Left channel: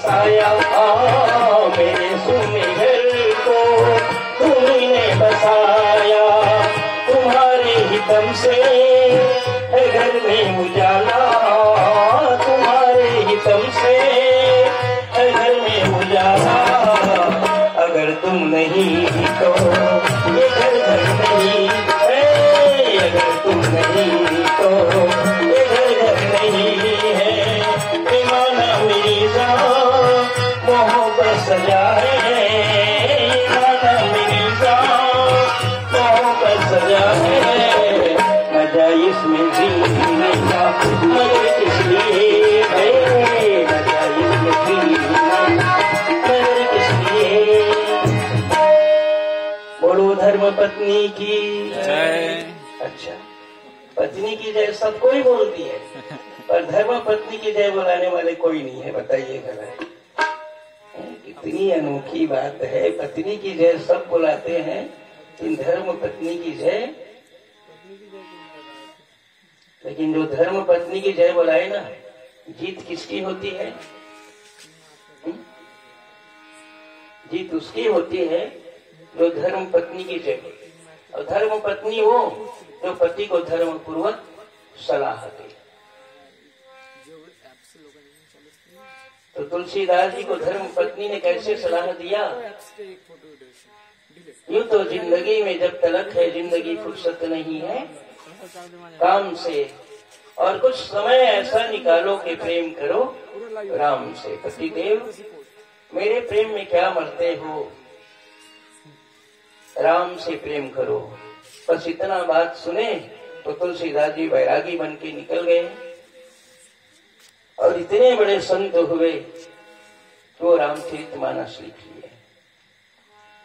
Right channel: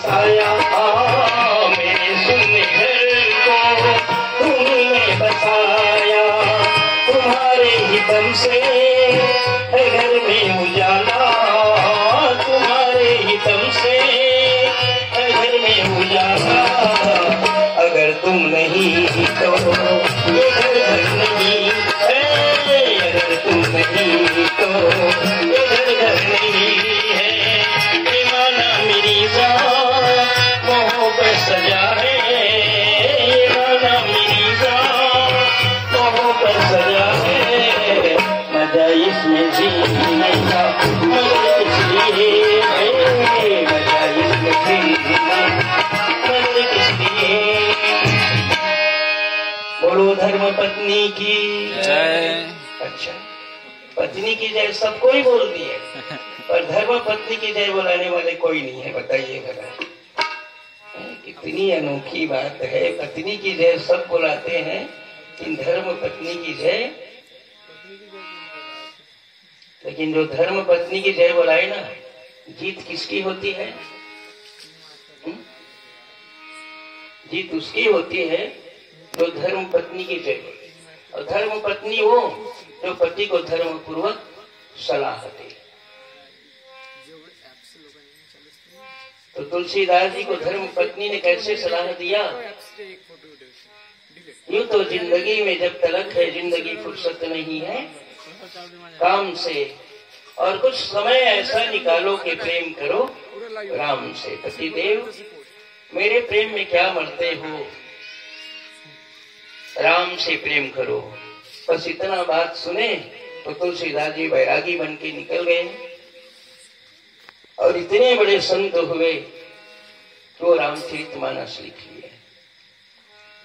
साया मेरे सुनने घर को तुमने बसाया, तुम्हारे ही दम से है घर में उजाला, तुम्हारे ही दम से है घर में उजाला। अगर तुम नहीं तो ये घर नहीं है, अगर तुम नहीं तो ये घर नहीं है। बेमाना मेरी जान मोहब्बत सजाए, बेमाना मेरी जान मोहब्बत सजाए। मजा इसमें जीने का मगर किसलिए है, मजा इसमें जीने मगर किसलिए। बोलो धर्म पत्नी की जय। अच्छा, पत्नी की जय सबको ही बोल दिए, पर धर्म पत्नी की जय बुलाने वाले कोई नहीं है। बताइए जरा, कितनी अनोखी बात है। पत्नी की जय सब बुलाते हैं, लेकिन धर्म पत्नी की जय, लेकिन जो धर्म पत्नी की जय बुलाए ना, जीत किसकी होती है? जीत उसकी होती है जो धर्म पत्नी की जय बोले। और धर्म पत्नी वो जो पति को धर्म पूर्वक सलाह दे। तो तुलसीदास जी को धर्म पत्नी ने कैसे सलाह दिया? यूं तो जिंदगी में जब तलक है, जिंदगी फुर्सत नहीं है काम से, और कुछ समय ऐसा निकालो कि प्रेम करो राम से। पतिदेव मेरे प्रेम में क्या मरते हो, राम से प्रेम करो। बस इतना बात सुने तो तुलसीदास जी बैरागी बन के निकल गए, और इतने बड़े संत हुए कि वो रामचरितमानस लिख लिए।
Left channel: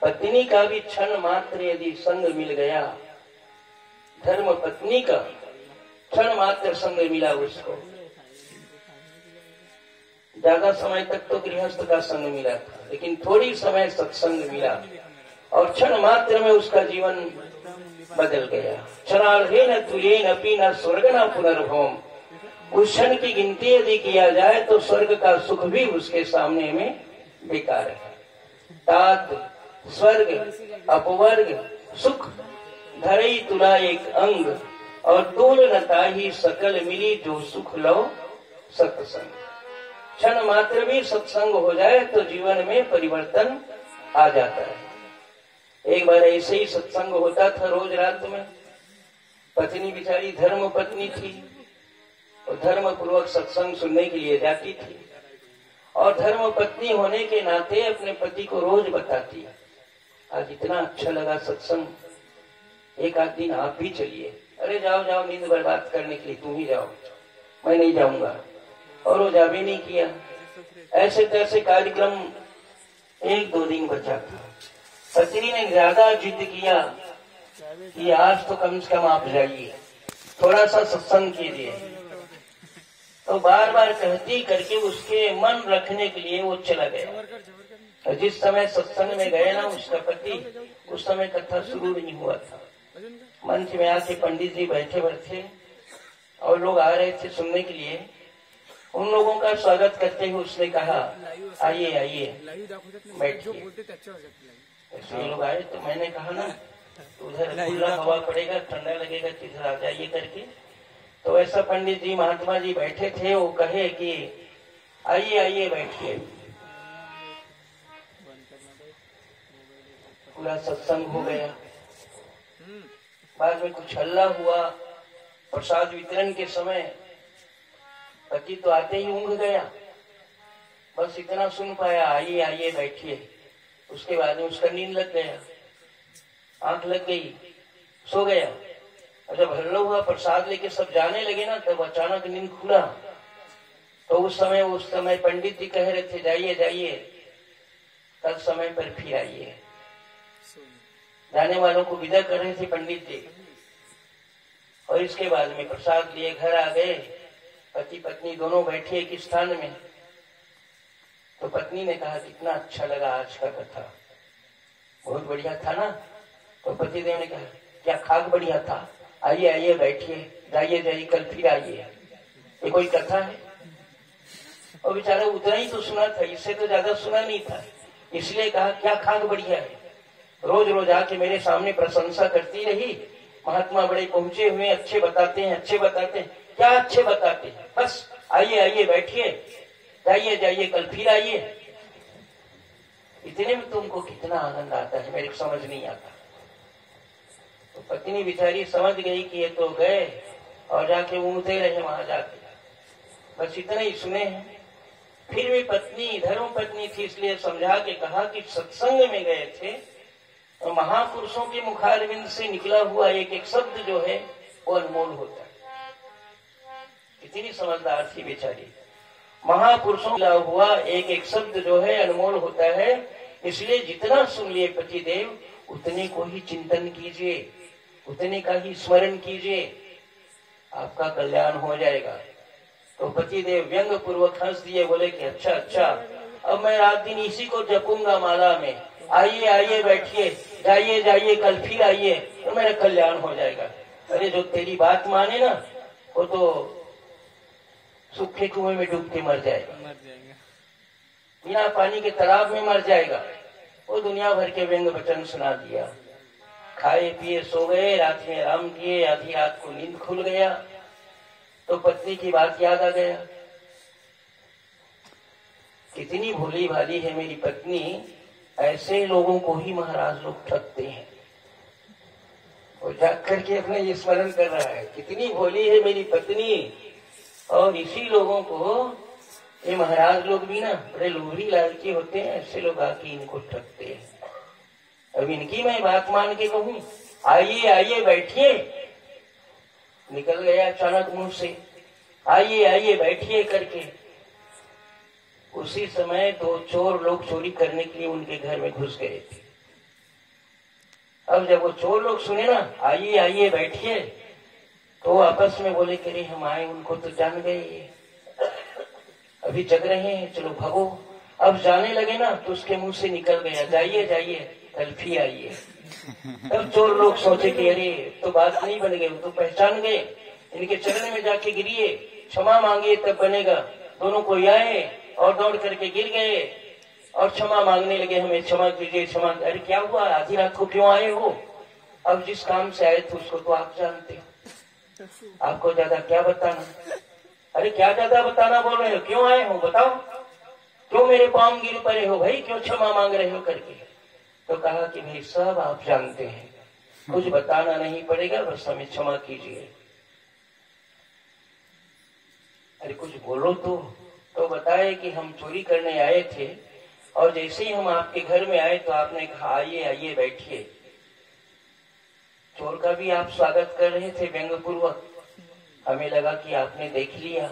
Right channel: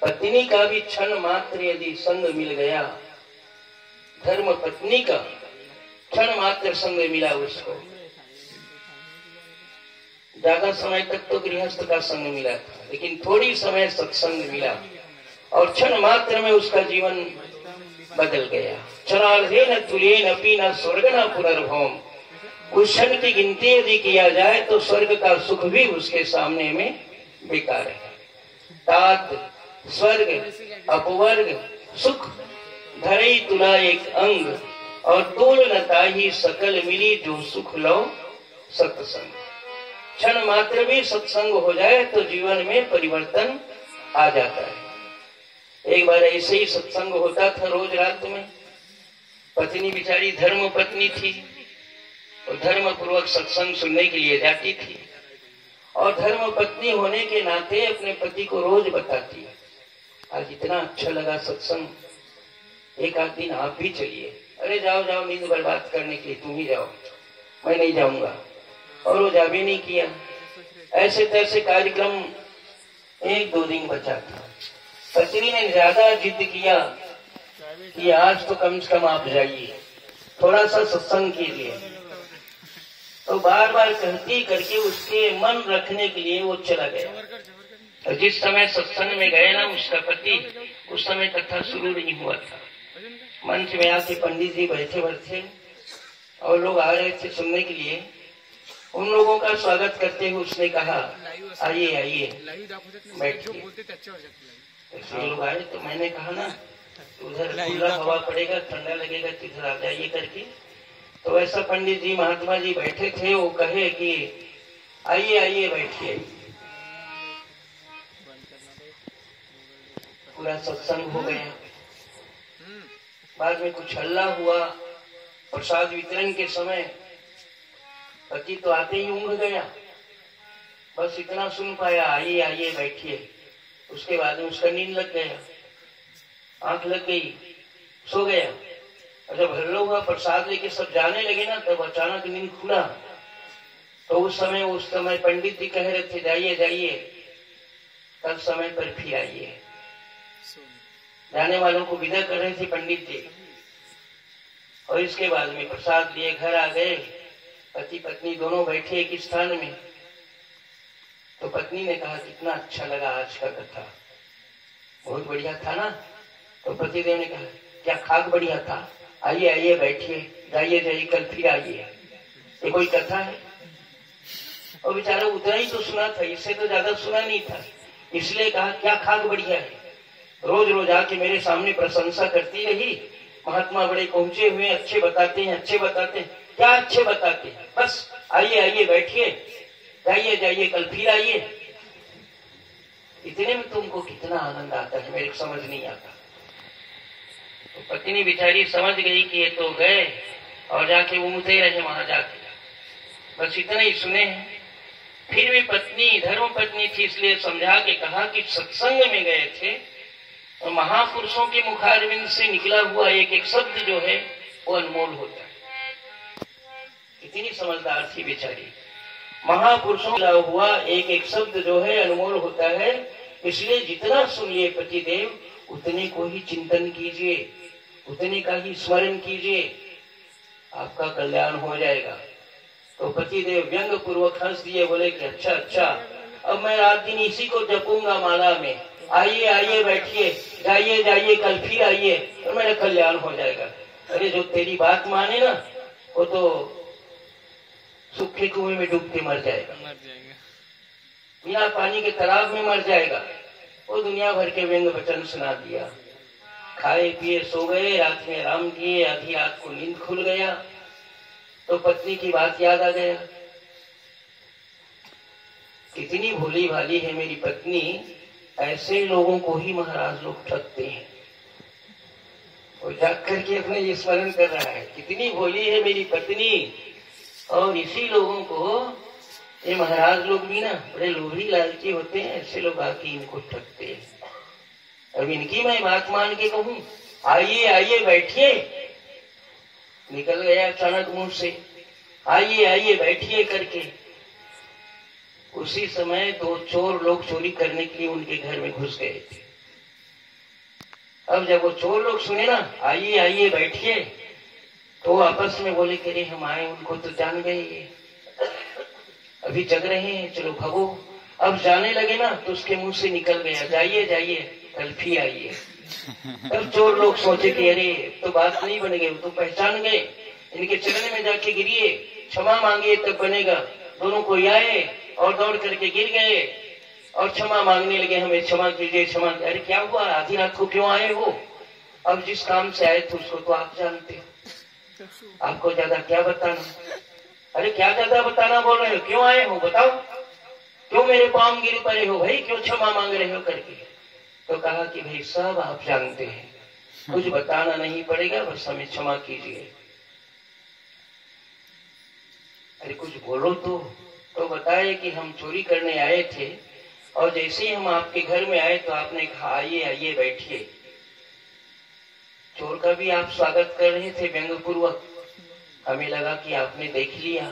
पत्नी का भी क्षण मात्र यदि संग मिल गया, धर्म पत्नी का क्षण मात्र संग मिला उसको, ज्यादा समय तक तो गृहस्थ का संग मिला था, लेकिन थोड़ी समय सत्संग मिला और क्षण मात्र में उसका जीवन बदल गया। क्षणार्धे न तुल्ये न पी न स्वर्ग न पुनर्भोम। उस क्षण की गिनती यदि किया जाए तो स्वर्ग का सुख भी उसके सामने में बेकार है। तात स्वर्ग अपवर्ग सुख धरई तुला एक अंग, और तूल न ताही सकल मिली जो सुख लो सत्संग। क्षण मात्र भी सत्संग हो जाए तो जीवन में परिवर्तन आ जाता है। एक बार ऐसे ही सत्संग होता था रोज रात में। पत्नी बिचारी धर्म पत्नी थी, तो धर्म पूर्वक सत्संग सुनने के लिए जाती थी, और धर्म पत्नी होने के नाते अपने पति को रोज बताती है, आज इतना अच्छा लगा सत्संग, एक आध दिन आप भी चलिए। अरे जाओ जाओ, नींद बर्बाद करने के लिए तुम ही जाओ, मैं नहीं जाऊंगा। और वो जा भी नहीं किया। ऐसे तैसे कार्यक्रम एक दो दिन बचा था। पत्नी ने ज्यादा जिद किया कि आज तो कम से कम आप जाइए, थोड़ा सा सत्संग कीजिए। तो बार बार कहती करके उसके मन रखने के लिए वो चला गया। और जिस समय सत्संग में गए ना उसका पति, उस समय कथा शुरू नहीं हुआ था। मंच में आके पंडित जी बैठे बैठे और लोग आ रहे थे सुनने के लिए। उन लोगों का स्वागत करते हुए उसने कहा, आइए आइए बैठिए। ऐसे लोग आए तो मैंने कहा ना, उधर खुला हवा पड़ेगा, ठंडा लगेगा, तो इधर आ जाइए करके। तो ऐसा पंडित जी महात्मा जी बैठे थे, वो कहे कि आइए आइए बैठिए। पूरा सत्संग हो गया। बाद में कुछ हल्ला हुआ। प्रसाद वितरण के समय पति तो आते ही ऊँघ गया, बस इतना सुन पाया, आइए आइए बैठिए। उसके बाद में उसका नींद लग गया, आंख लग गई, सो गया। और जब हल्ला हुआ, प्रसाद लेके सब जाने लगे ना, तब अचानक नींद खुला। तो उस समय पंडित जी कह रहे थे, जाइए जाइए, कल समय पर फिर आइए। जाने वालों को विदा कर रहे थे पंडित जी। और इसके बाद में प्रसाद लिए घर आ गए। पति पत्नी दोनों बैठे एक स्थान में। तो पत्नी ने कहा, कितना अच्छा लगा आज का कथा, बहुत बढ़िया था ना। तो पतिदेव ने कहा, क्या खाक बढ़िया था, आइए आइए बैठिए, जाइए जाइए, कल फिर आइए। ये कोई कथा है? और बेचारा उतना ही तो सुना था, इससे तो ज्यादा सुना नहीं था। इसलिए कहा क्या खाक बढ़िया है, रोज रोज आके मेरे सामने प्रशंसा करती रही। महात्मा बड़े पहुंचे हुए, अच्छे बताते हैं, अच्छे बताते हैं। क्या अच्छे बताते हैं, बस आइए आइए बैठिए, जाइए जाइए कल फिर आइए। इतने में तुमको कितना आनंद आता है मेरे को समझ नहीं आता। तो पत्नी बेचारी समझ गई कि ये तो गए, और जाके घूमते रहे वहां जाके, बस इतना ही सुने हैं। फिर भी पत्नी धर्म पत्नी थी, इसलिए समझा के कहा कि सत्संग में गए थे तो महापुरुषों के मुखारविंद से निकला हुआ एक एक शब्द जो है वो अनमोल होता है। इतनी समझदार थी बेचारी। महापुरुषों का हुआ एक एक शब्द जो है अनमोल होता है, इसलिए जितना सुन लिए पतिदेव उतने को ही चिंतन कीजिए, उतने का ही स्मरण कीजिए, आपका कल्याण हो जाएगा। तो पतिदेव व्यंग पूर्वक हंस दिए, बोले कि अच्छा अच्छा, अब मैं रात दिन इसी को जपूंगा माला में, आइए आइए बैठिए, जाइए जाइए कल फिर आइए, तो मेरा कल्याण हो जाएगा। अरे जो तेरी बात माने ना वो तो सूखे कुएं में डूब के मर जाएगा, बिना पानी के तालाब में मर जाएगा। वो दुनिया भर के व्यंग वचन सुना दिया। खाए पिए सो गए, रात में आराम किए, आधी रात को नींद खुल गया तो पत्नी की बात याद आ गया। कितनी भोली भाली है मेरी पत्नी, ऐसे लोगों को ही महाराज लोग ठगते हैं। वो जाग करके अपने ये स्मरण कर रहा है, कितनी भोली है मेरी पत्नी, और इसी लोगों को ये महाराज लोग भी ना बड़े लोभी लालची होते हैं, ऐसे लोग आके इनको ठगते हैं। अब इनकी मैं बात मान के कहूं आइए आइए बैठिए, निकल गया अचानक मुंह से आइए आइए बैठिए करके। उसी समय दो चोर लोग चोरी करने के लिए उनके घर में घुस गए थे। अब जब वो चोर लोग सुने ना आइए आइए बैठिए, तो आपस में बोले कि अरे हम आए, उनको तो जान गए, ये अभी जग रहे हैं, चलो भागो। अब जाने लगे ना तो उसके मुंह से निकल गया जाइए जाइए कल फिर आइए। तब चोर लोग सोचे कि अरे तो बात नहीं बन गई, तो पहचान गए, इनके चरण में जाके गिरिए, क्षमा मांगिए तब बनेगा। दोनों को आए और दौड़ करके गिर गए और क्षमा मांगने लगे, हमें क्षमा कीजिए क्षमा। अरे क्या हुआ, आधी रात को क्यों आए हो? अब जिस काम से आए थे उसको तो आप जानते, आपको ज्यादा क्या बताना। अरे क्या ज्यादा बताना बोल रहे हो, क्यों आए हो बताओ, क्यों मेरे पांव गिर पड़े हो भाई, क्यों क्षमा मांग रहे हो करके। तो कहा कि भाई सब आप जानते हैं, कुछ बताना नहीं पड़ेगा, बस हमें क्षमा कीजिए। अरे कुछ बोलो तो बताए कि हम चोरी करने आए थे, और जैसे ही हम आपके घर में आए तो आपने कहा आइए आइए बैठिए। चोर का भी आप स्वागत कर रहे थे व्यंग पूर्वक, हमें लगा कि आपने देख लिया,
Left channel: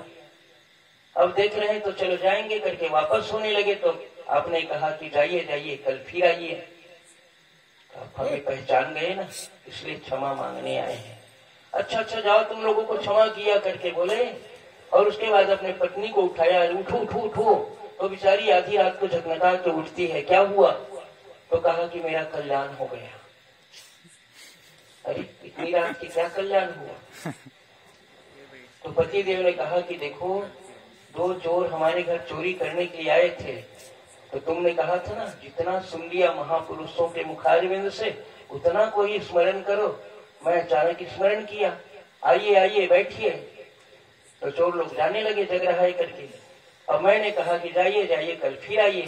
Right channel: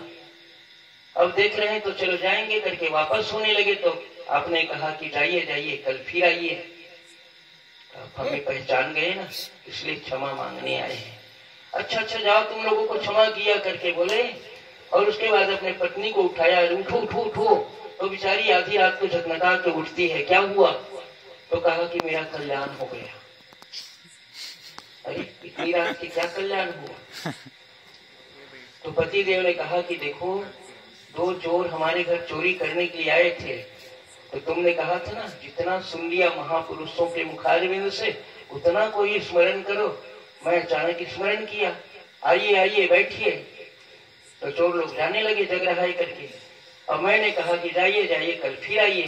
अब देख रहे हैं तो चलो जाएंगे करके वापस होने लगे तो आपने कहा कि जाइए जाइए कल फिर आइए। आप हमें पहचान गए ना, इसलिए क्षमा मांगने आए हैं। अच्छा अच्छा जाओ, तुम लोगों को क्षमा किया करके बोले, और उसके बाद अपने पत्नी को उठाया, उठो उठो उठो। तो बेचारी आधी रात को झकमटा के उठती है, क्या हुआ? तो कहा कि मेरा कल्याण हो गया। अरे इतनी रात की क्या कल्याण हुआ? तो पति देव ने कहा कि देखो दो चोर हमारे घर चोरी करने के लिए आए थे, तो तुमने कहा था ना जितना सुन लिया महापुरुषों के मुखारविंद से उतना कोई स्मरण करो। मैं अचानक स्मरण किया, आइए आइए बैठिए। तो चोर लोग जाने लगे जग रहा है करके, और मैंने कहा कि जाइए जाइए कल फिर आइए।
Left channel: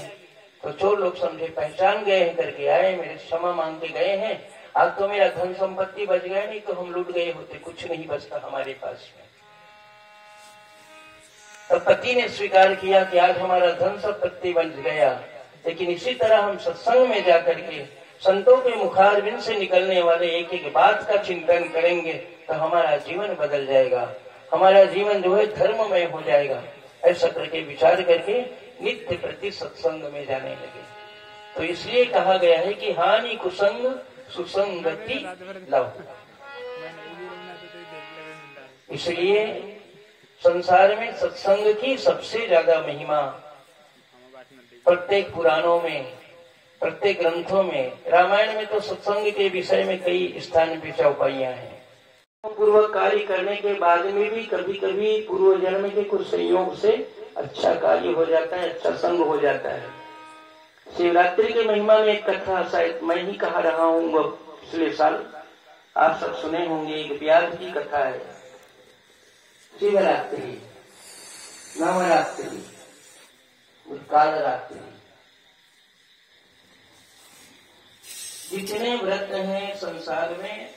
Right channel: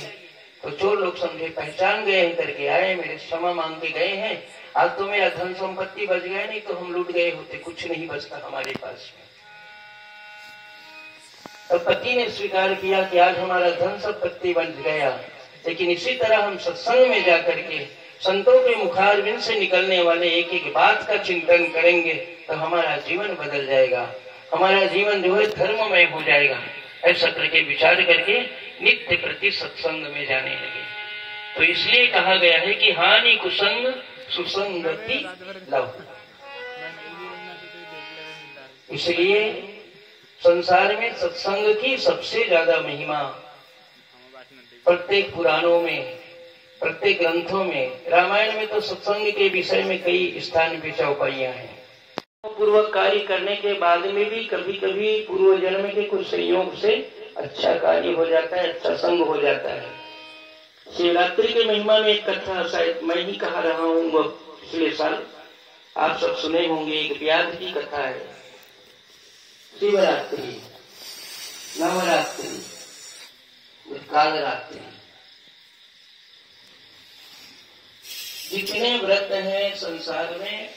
तो चोर लोग समझे पहचान गए हैं करके आए, मेरे क्षमा मांग के गए हैं। आज तो मेरा धन संपत्ति बच गया, नहीं तो हम लूट गए होते, कुछ नहीं बचता हमारे पास में। तब पति ने स्वीकार किया कि आज हमारा धन संपत्ति बच गया, लेकिन इसी तरह हम सत्संग में जाकर के संतों के मुखारविंद से निकलने वाले एक एक बात का चिंतन करेंगे तो हमारा जीवन बदल जाएगा, हमारा जीवन जो है धर्ममय हो जाएगा। ऐसा करके विचार करके नित्य प्रति सत्संग में जाने लगे। तो इसलिए कहा गया है कि हानि कुसंग सुसंगति लव। इसलिए संसार में सत्संग की सबसे ज्यादा महिमा प्रत्येक पुराणों में, प्रत्येक ग्रंथों में, रामायण में तो सत्संग के विषय में कई स्थान पे चौपाइयां हैं। पूर्वक कार्य करने के बाद में भी कभी कभी पूर्व जन्म के कुछ संयोग से अच्छा कार्य हो जाता है, अच्छा संग हो जाता है। शिवरात्रि की महिमा में एक कथा शायद मैं ही कहा रहा हूँ, वो पिछले साल आप सब सुने होंगे। एक व्यास की कथा है। शिवरात्रि, नवरात्रि, कालरात्रि, जितने व्रत हैं संसार में,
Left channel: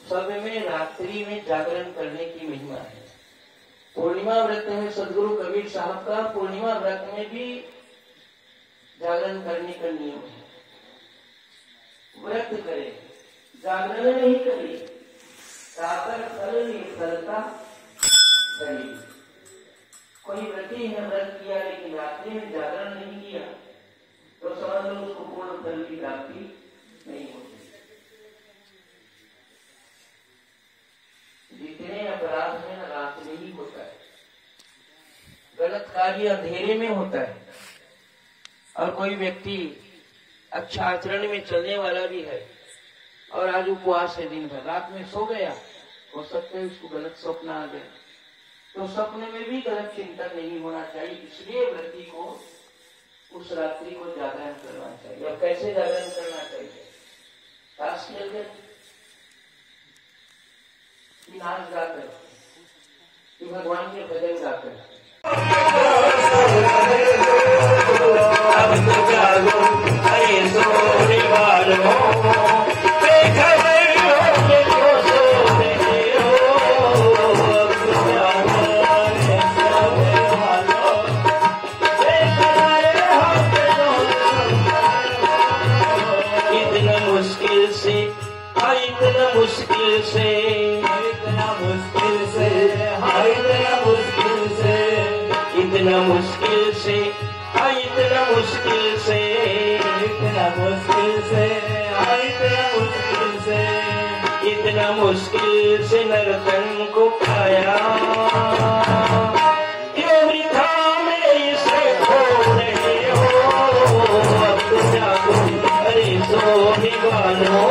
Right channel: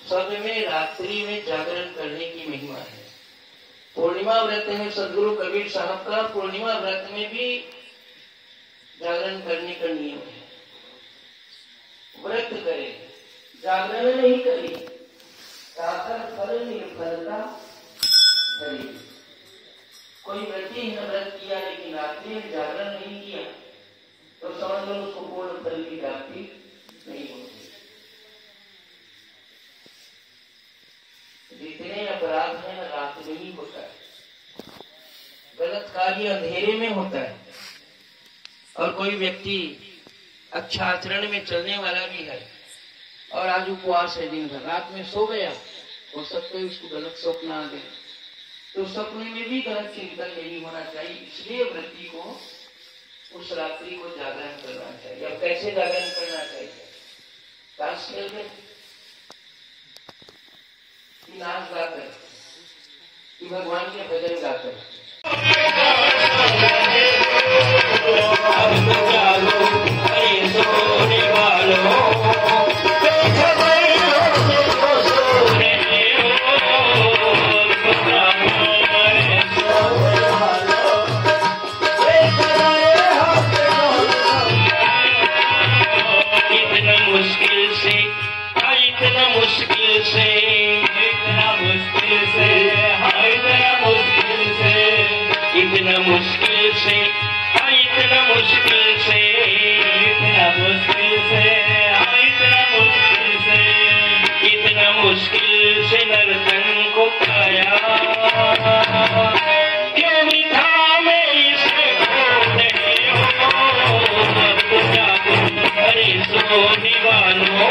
सब में रात्रि में जागरण करने की महिमा है। पूर्णिमा व्रत है सदगुरु कबीर साहब का, पूर्णिमा व्रत में भी जागरण करने का नियम है। व्रत करे, जागरण नहीं करे, काकर फल निर्फलता करे। कोई व्यक्ति ने व्रत किया लेकिन रात्रि में जागरण नहीं किया तो समझ लो उसको पूर्ण फल की प्राप्ति नहीं होती। जितने अपराध हैं रात में ही होता है, गलत कार्य अंधेरे में होता है। और कोई व्यक्ति अच्छा आचरण में चलने वाला भी है और आज उपवास है दिन भर, रात में सो गया, हो सकता है उसको गलत स्वप्न आ गया, तो सपने में भी गलत चिंतन नहीं होना चाहिए। इसलिए व्रती को उस रात्रि को जागरण करना चाहिए। अब कैसे जागरण करना चाहिए? पास मिलकर नाच गाकर कि भगवान के भजन गाकर अब तो जागो अरे सोने वालों, इतना मुश्किल से नर्तन को पाया, क्यों मिठा में इसे खो रहे हो। अब तो जागो अरे सोने वालों,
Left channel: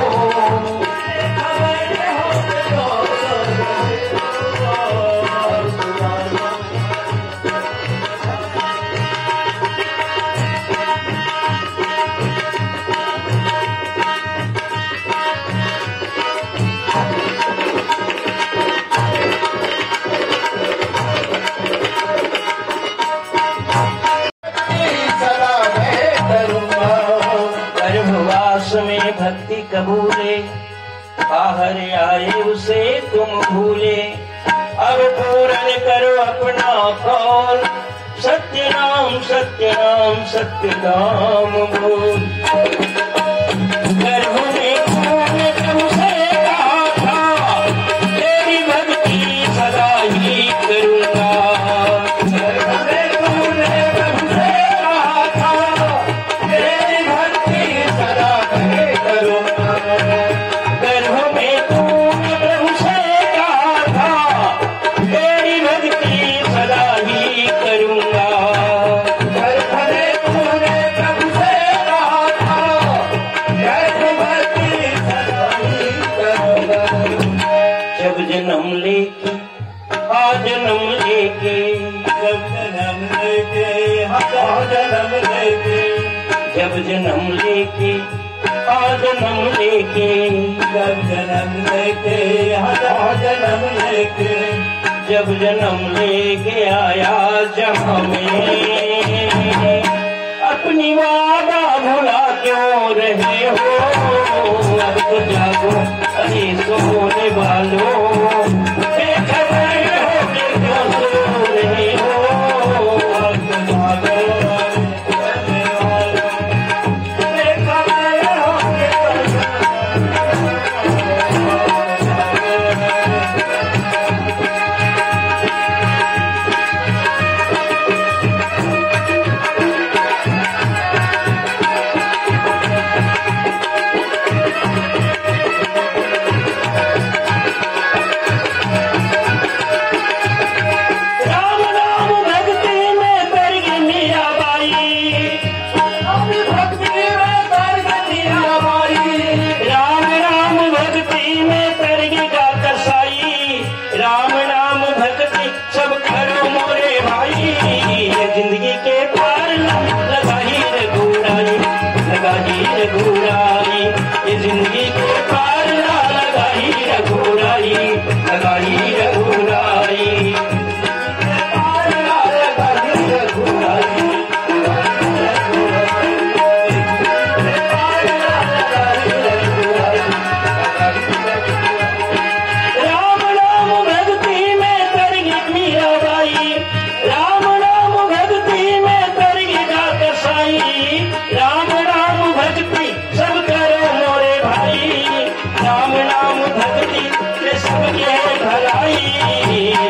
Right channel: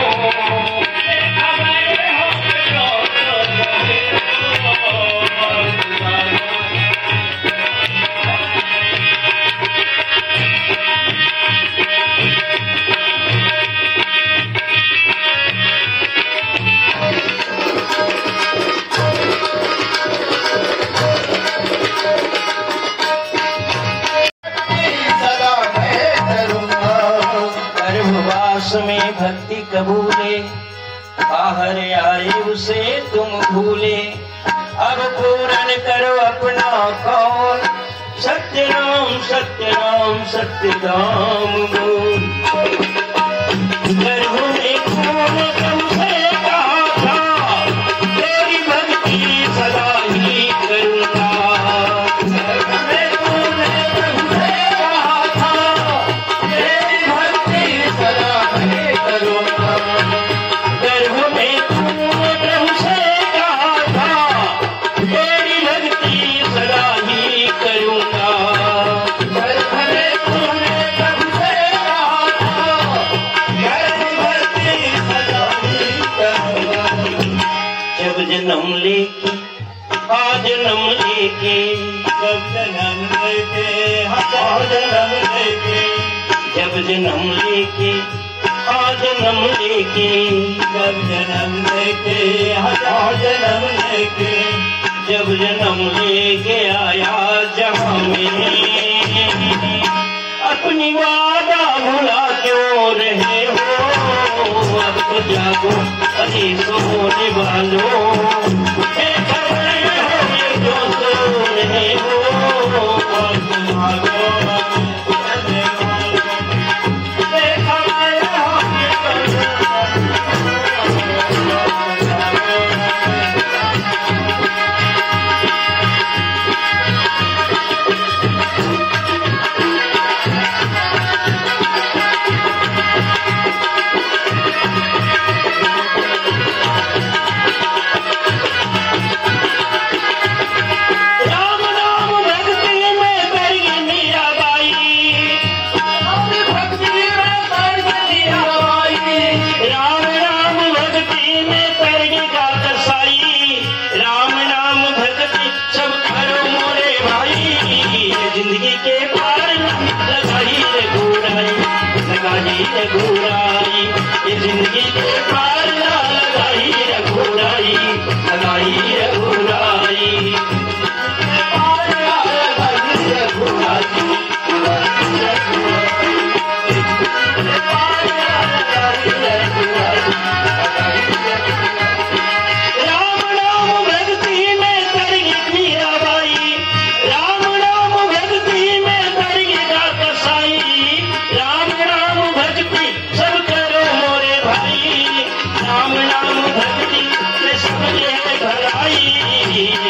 में भक्ति कबूले, बाहर आए उसे तुम भूले। अब पूर्ण करो अपना कौल, सत्य नाम सत्य नाम सत्य काम बोल। गर्भ में कौन तुमसे कहा था, तेरी भक्ति सदा ही करूँगा। जन्म लेके आ जन्म लेके, जब जन्म लेके आ जन्म लेके, जब जन्म लेके आ जन्म लेके, जब जन्म लेके आ जन्म लेके, जब जन्म लेके आया जहाँ में, अपनी वादा भुला क्यों रहे हो। अब तो जागो अरे सोने वालों, रघुराई, ये जिंदगी के पार लगाई रघुराई, लगाई रघुराई, पार लगाई रघुराई, राम नाम भक्ति में तर गई मीराबाई, राम नाम भक्ति में तर गई कसाई, राम नाम भक्ति सब करो मोरे भाई, राम नाम भक्ति में सब है भलाई,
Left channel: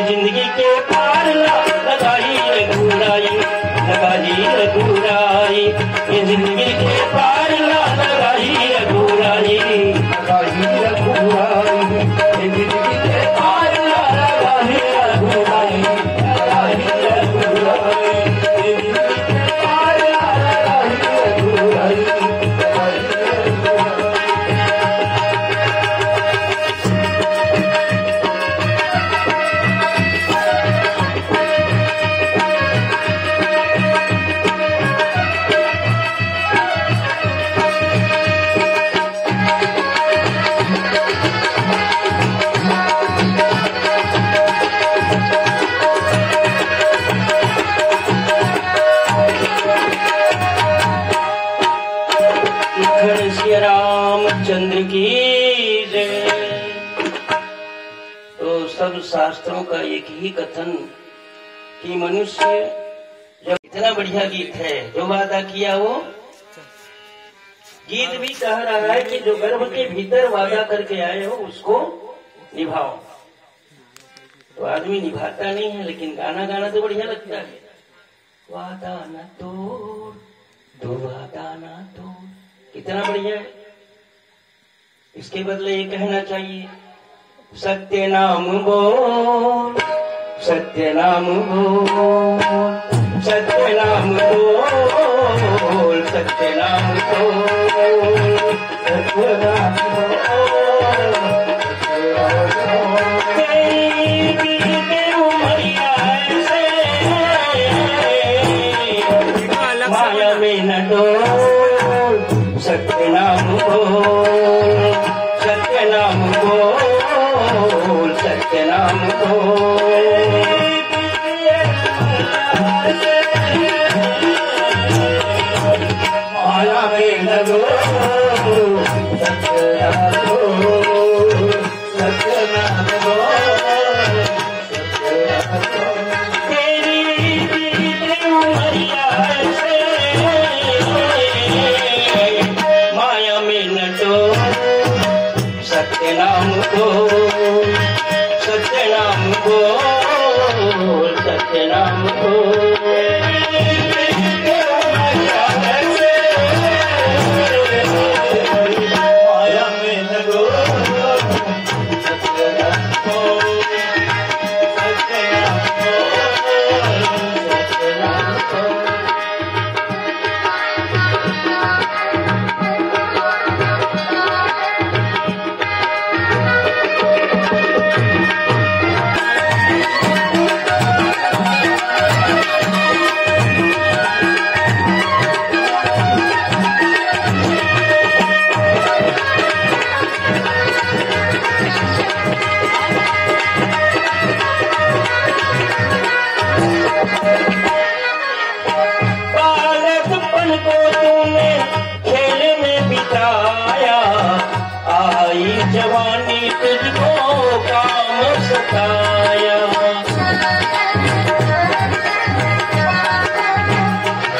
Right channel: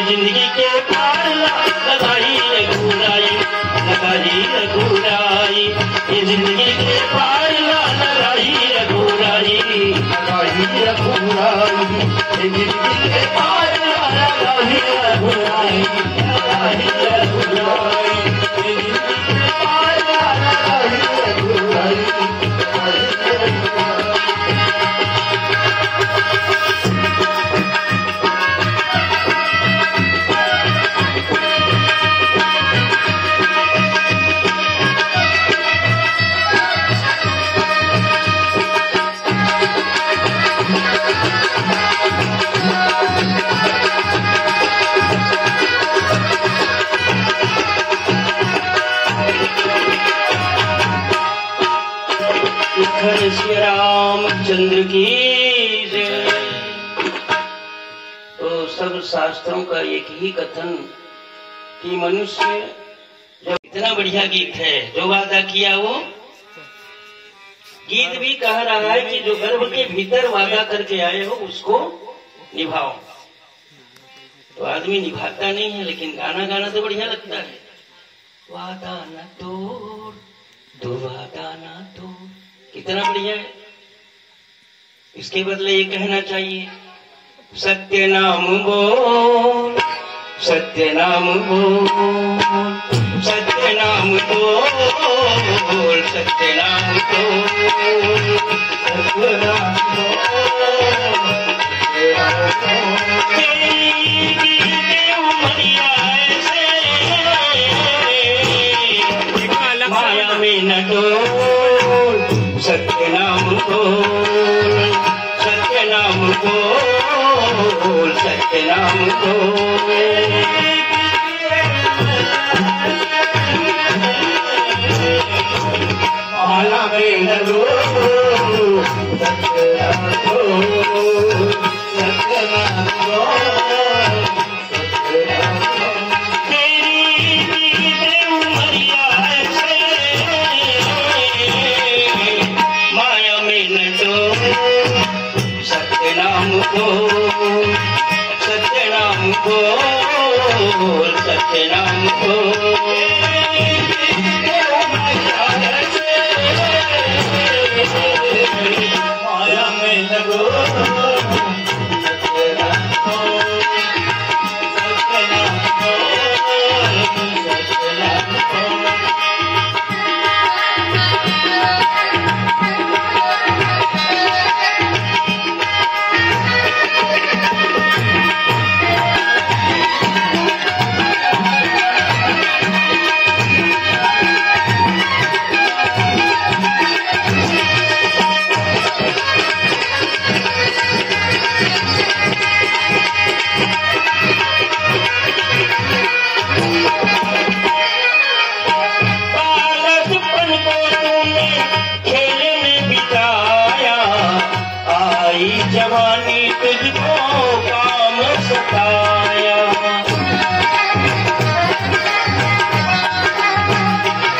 जिंदगी के पार लगाई रघुराई, लगाई रघुराई, ये जिंदगी के पार लगाई रघुराई, लगाई रघुराई, ये जिंदगी के पार लगाई रघुराई, लगाई रघुराई, ये जिंदगी के पार लगाई रघुराई, लगाई रघुराई। श्री रामचंद्र की जय। तो सब शास्त्रों का एक ही कथन कि मनुष्य जो इतना बढ़िया गीत है, जो वादा किया वो गीत भी कह रहा है कि जो गर्भ के भीतर वादा करके आए हो उसको निभाओ। तो आदमी निभाता नहीं है, लेकिन गाना गाना तो बढ़िया लगता है। वादा न तोड़, दो वादा न तोड़, कितना बढ़िया है। इसके बदले ये कहना चाहिए, सत्य नाम बोल, सत्य नाम बोल, सत्य नाम बोल, सत्य नाम बोल, सत्य नाम बोल, तेरी उमरिया ऐसे माया में न डोल, सत्य नाम बोल, सत्य नाम बोल, सत्य नाम बोल, माया में न डोल, सत्य नाम बोल, सत्य नाम बोल, सत्य नाम बोल, तेरी उमरिया ऐसे माया में न डोल, सत्य नाम बोल, सत्य नाम बोल, सत्य नाम बोल, माया में न डोल, सत्य नाम बोल, सत्य नाम बोल, सत्य नाम बोल। बालकपन को तूने खेल में बिताया, आई जवानी तुझको काम सताया,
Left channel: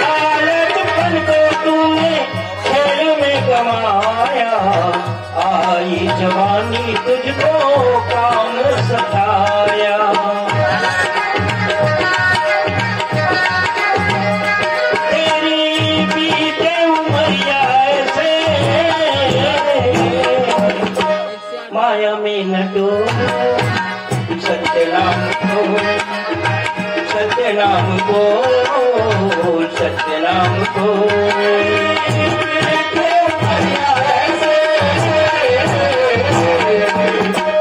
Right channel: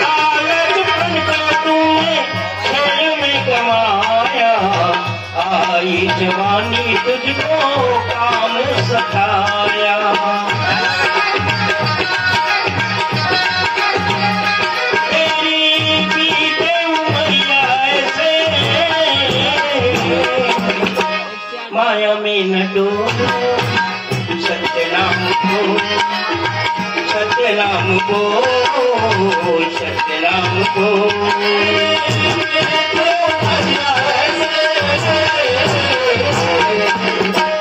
बालकपन को तूने खेल में गवाया, आई जवानी तुझको काम सताया, माया में न डोल, सत्य नाम बोल, सत्य नाम बोल, सत्य नाम बोल,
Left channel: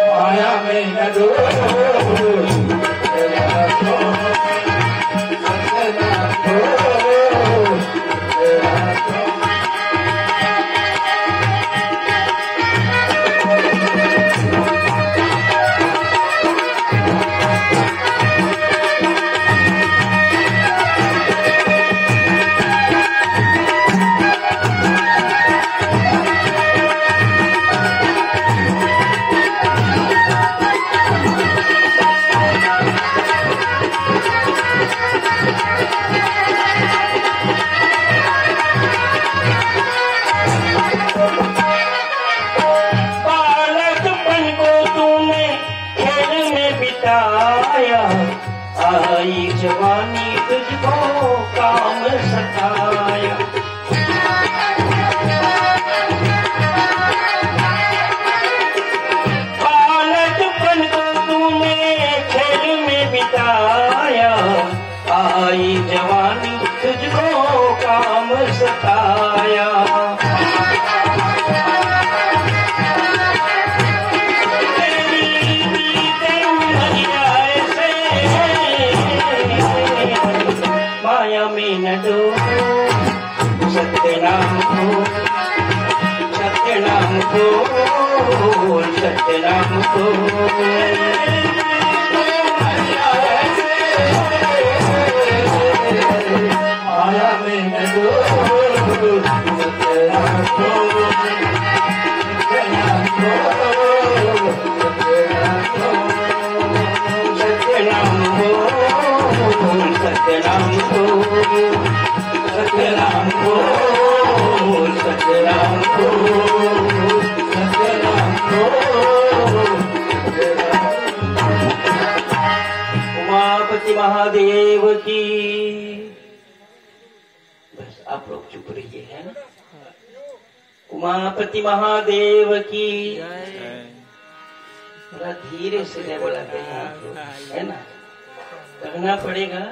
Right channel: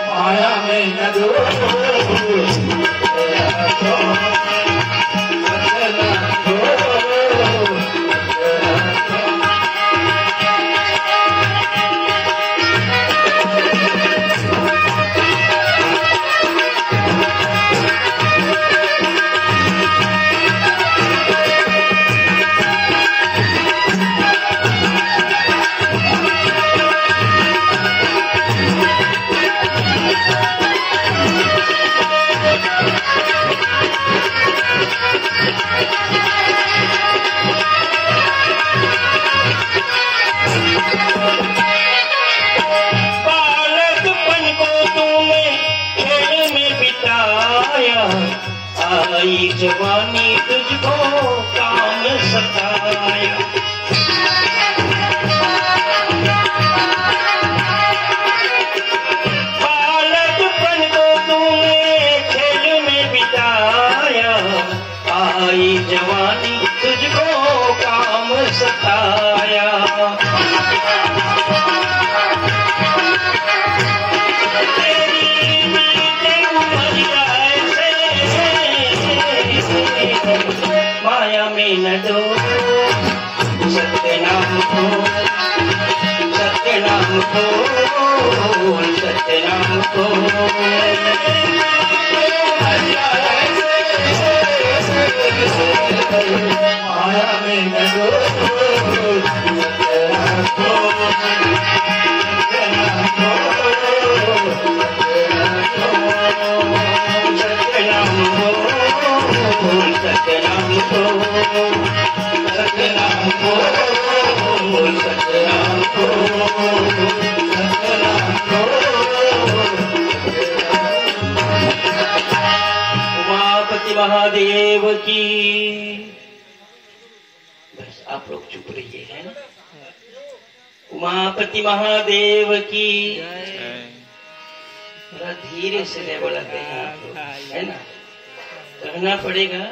माया में न डोल, सत्य नाम बोल, सत्य नाम बोल। बसाया। माया में न दो सत्य नाम को, सत्य नाम को, सत्य नाम को। माया में न दो सत्य नाम को, सत्य नाम को, सत्य नाम को, सत्य नाम को, सत्य नाम को, सत्य नाम को, सत्य नाम को। उमापति महादेव की। बस आप लोग चुप रहिए, है ना। उमापति महादेव की। थोड़ा धीरे से ले बोलाते हैं आप लोग, है ना। कहना पड़ेगा।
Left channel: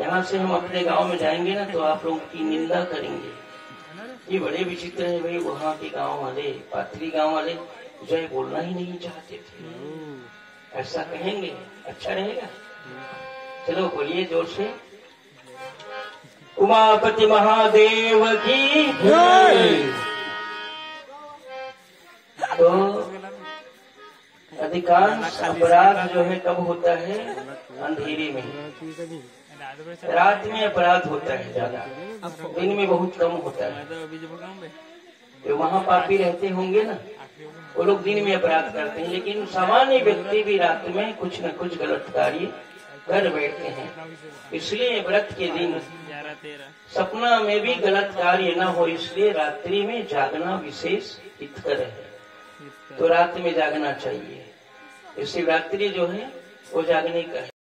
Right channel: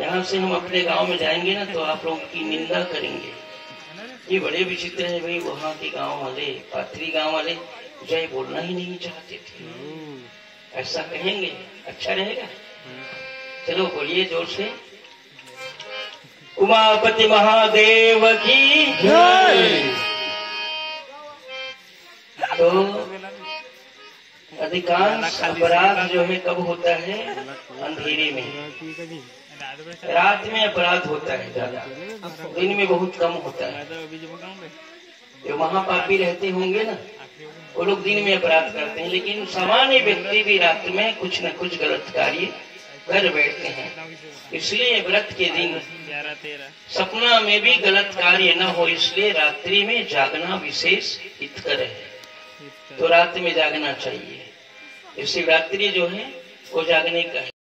यहाँ से हम अपने गांव में जाएंगे ना तो आप लोगों की निंदा करेंगे। ये बड़े विचित्र है भाई, वहाँ के गांव वाले, पाथरी गांव वाले जय बोलना ही नहीं चाहते थे। ऐसा कहेंगे, अच्छा रहेगा। चलो बोलिए जोर से। उमापति महादेव की जय। तो अधिकांश अपराध जो है कब होता है? अंधेरे में। रात में अपराध होता है ज्यादा, दिन में बहुत कम होता है। जो महापापी रहते होंगे ना, वो लोग दिन में अपराध करते हैं, लेकिन सामान्य व्यक्ति भी रात में कुछ न कुछ गलत कार्य कर बैठते हैं। इसलिए व्रत के दिन सपना में भी गलत कार्य न हो, इसलिए रात्रि में जागना विशेष हितकर है। तो रात में जागना चाहिए। शिवरात्रि जो है वो जागने का है।